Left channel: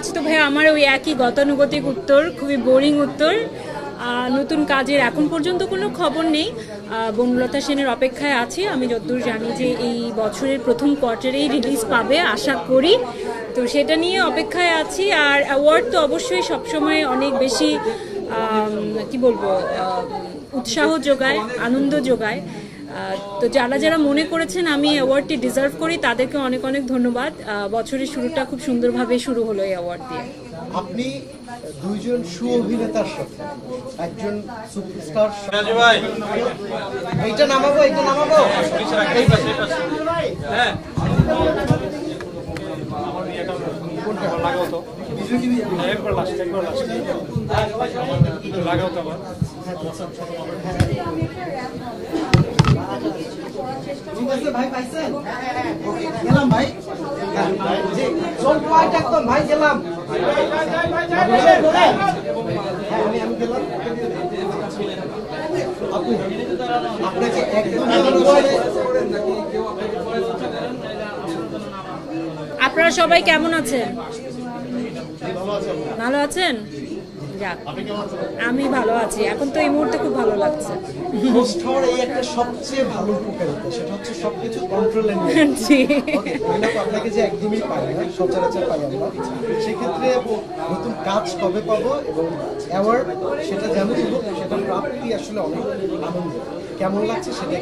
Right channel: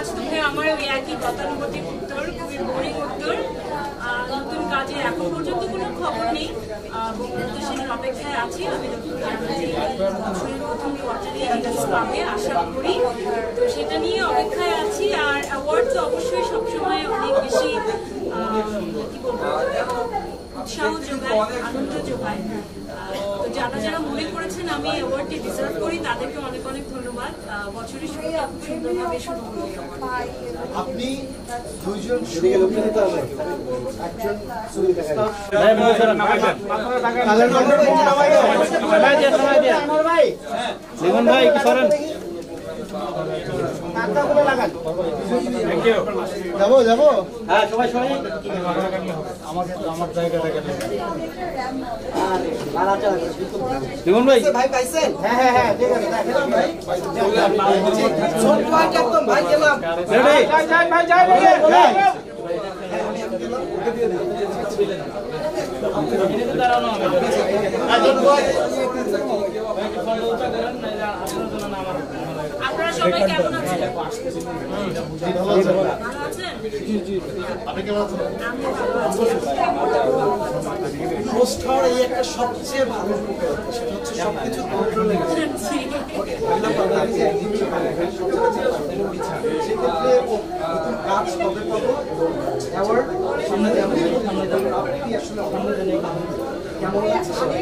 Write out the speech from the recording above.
আচ্ছা তো ভাইয়া আমার ওই একই গতানুগতিক উত্তর, খুবই বোরিং উত্তর। নতুন কাজের এখন পর্যন্ত কোনো খবর নেই। বনলতা সেনের অপেক্ষায় আছি। আমি যতদূর জানি যে এই বছরের প্রথম কোয়ার্টারেই রিলিজ পাবে আশা করি, তো সেটা নিয়ে অপেক্ষায় আছি। আর অ্যাওয়ার্ড তো অবশ্যই সবসময় অনেক বেশি কি বলবো উৎসাহ যোগায়, আনন্দ যোগায়। তো যারা যারা মনে করেছেন আমি অ্যাওয়ার্ডটি ডিজার্ভ করি তাদেরকে অনেক অনেক ধন্যবাদ। বছরের শুরুটা খুব সুন্দরভাবে শুরু হলো এই অ্যাওয়ার্ড দিয়ে। আপনি দুইজন অভিনেতার সাথে একজন সুপারস্টার যাবো যাবো সবাই সবাই জীবন ভাই ভাই পাইছেন? হ্যাঁ হ্যাঁ হ্যাঁ গেলাম ভাই সব পয়েন্ট একদম ভাই গেলাম ভাই ভাই ভাই যাই ভাই আপনি তো দাঁড়ানো আপনারা সবাই কেমন আছেন? ভালো আছেন? আমি ভালো আছি। এখন তো এই মুহূর্তে খুব ভালো লাগছে। হোস্ট হওয়ার এই একটা সবচেয়ে ভালো উপকারিতা, সেটা হচ্ছে সবকিছু কন্ট্রোলে জি সেক্ষেত্রে নতুন কাজ কবে পাবো এবং অ্যাওয়ার্ড সেটা জানতে আপনি আসলে কেমন লাগছে সেটা